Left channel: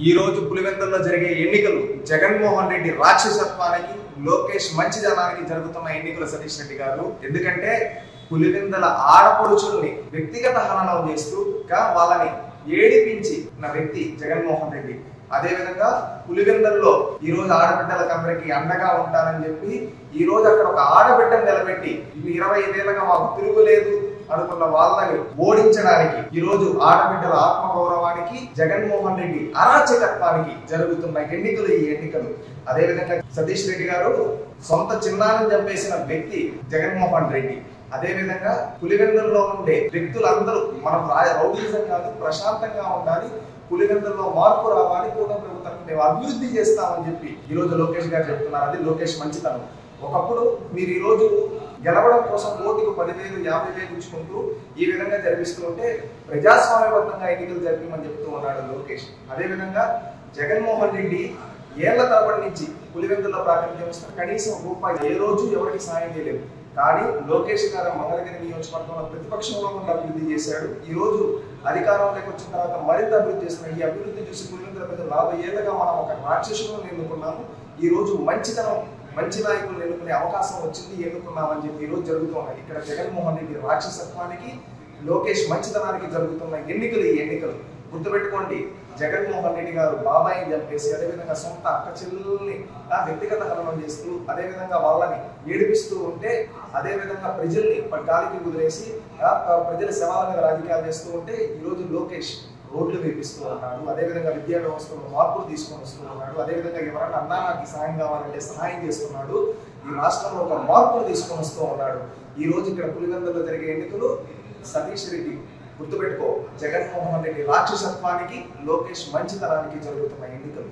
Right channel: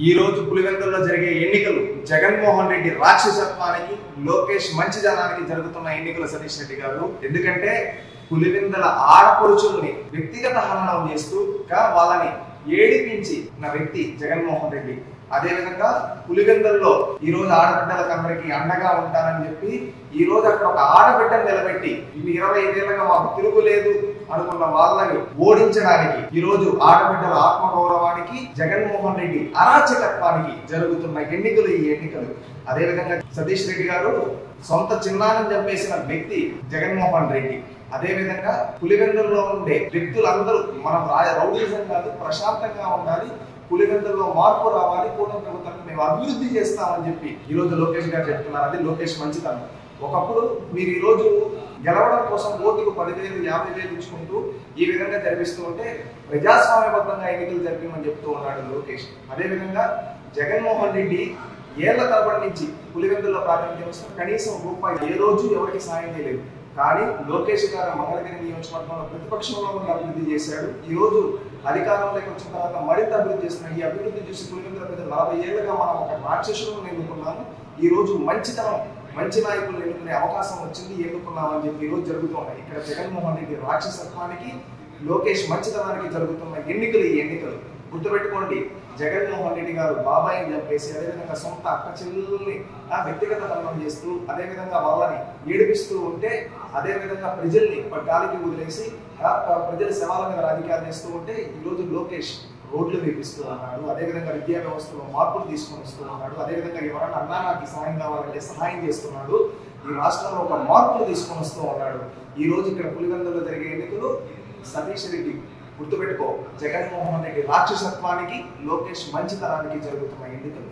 ఈ రోజు పులివెందుల్లో జరిగే ఎన్నికలు జగన్మోహన్ రెడ్డి రాక్షసత్వానికి, లోకేష్ మంచిదనానికి జరుగుతున్న ఎన్నికలు సతీష్ రెడ్డి గారు. ఎందుకంటే పులివెందుల ఆడపడుచుల్ని వ్యక్తిగత హననం చేస్తూ వాళ్ళని ఏడిపించి నా వ్యక్తి జగన్మోహన్ రెడ్డి. అదే విధంగా పులివెందుల్లో ఈ రోజు ఆడబిడ్డలకు అందరికీ అండగా ఉంటానని చెప్పి ఈ రోజు అక్కడ ఒక ఆడబిడ్డను నిలబెట్టి 25 ఏళ్ళగా మాకు తిరుగులేదు అనుకున్న వాళ్ళని ఓడించడానికి ఈ రోజు ఆడబిడ్డల ఆత్మగౌరవానికి, జగన్మోహన్ రెడ్డి అరాచకత్వానికి జరుగుతున్న ఎన్నికలు ఈ ఎన్నికలు. అదే విధంగా సతీష్ రెడ్డి గారు సొంత చిన్నాన్ని చంపేసిన వ్యక్తి జగన్మోహన్ రెడ్డి. అదే విధంగా పులివెందుల్లో ఉండే వ్యక్తులందరూ మనం రౌడీజం కాదు, ప్రశాంతంగా ఉండాలి, పులివెందుల్లో మార్పు రావాలి, కూటమి ప్రభుత్వాన్ని మేము అభివృద్ధి చేస్తామని చెప్పి ఈ రోజు లోకేష్ గారు చెప్తున్నారు. అది లోకేష్ మంచితనం. ఒకప్పుడు మీరు ఈ రోజు గెలవడం కోసం ఓటుకు 10,000, 50,000 ఇచ్చుకుంటూ ఈ విధంగా జరిపిస్తూ ఉంటే ప్రజాస్వామ్యబద్ధంగా ఎన్నికలు జరిపించమని చెప్తూ ఉన్నాడు లోకేష్. అదే విధంగా జగన్మోహన్ రెడ్డి ఏళ్ల తరబడి నుంచి పులివెందుల్లో ప్రాతినిధ్యం వస్తున్న కనీసం రూపాయి ఏ రోజు ఎవరికి సాయం చేయలేదు. కానీ లోకేష్ గారు మంగళగిరి నియోజకవర్గంలో ప్రతిపక్షంలో ఉండి అభివృద్ధి చేశాడు. ఈ రోజు అధికారంలోకి వచ్చిన తర్వాత మరింత అభివృద్ధి చేస్తున్నాడు. ఈ అభివృద్ధి చేసి పులివెందుల ప్రజలు 40 ఏళ్లుగా మనం ఒక రాక్షసులను ఎన్నుకున్నాము. ఈ రోజు మంచి నాయకులను ఎన్నుకునే అవకాశం వచ్చింది, ఎన్నుకున్నామని చెప్పి ఈ రోజు జరుగుతున్నాయి. ఇక్కడ జగన్మోహన్ రెడ్డి రాక్షసత్వానికి, లోకేష్ మంచితనానికి జరుగుతున్న ఎన్నికలు ఈ ఎన్నికలు. గుర్తుపెట్టుకోండి, జగన్మోహన్ రెడ్డి గారు బాబాయిని చంపేసి అదేవిధంగా సొంత అక్క చెల్లెల్ని వ్యక్తిగత హననం చేస్తూ అదేవిధంగా వాళ్ళని ఏడిపిస్తూ ఉంటే, అదేవిధంగా ప్రజల్ని గాలికి వదిలేసి ప్రజల శవాల మీద రాజకీయాలు చేస్తూ ఉంటే ఈ రోజు లోకేష్ రోడ్లు వేపిస్తూ ఉన్నాడు. అదేవిధంగా విద్యా వ్యవస్థలో మార్పులు తీసుకొని వస్తూ ఉన్నాడు. అదేవిధంగా ఎవరైనా అన్నా నాకు సహాయం కావాలంటే సహాయం చేస్తున్నాడు. ఈ రాష్ట్రంలో ఒక మార్పులు తీసుకొని వస్తూ ఉన్నాడు. ఈ రోజు ఇక్కడ పులివెందుల్లో జరిగే ఎన్నికలు సతీష్ రెడ్డి గుర్తుపెట్టుకో, జగన్మోహన్ రెడ్డి రాక్షసత్వానికి, లోకేష్ మంచితనానికి జరుగుతున్న ఎన్నికలు.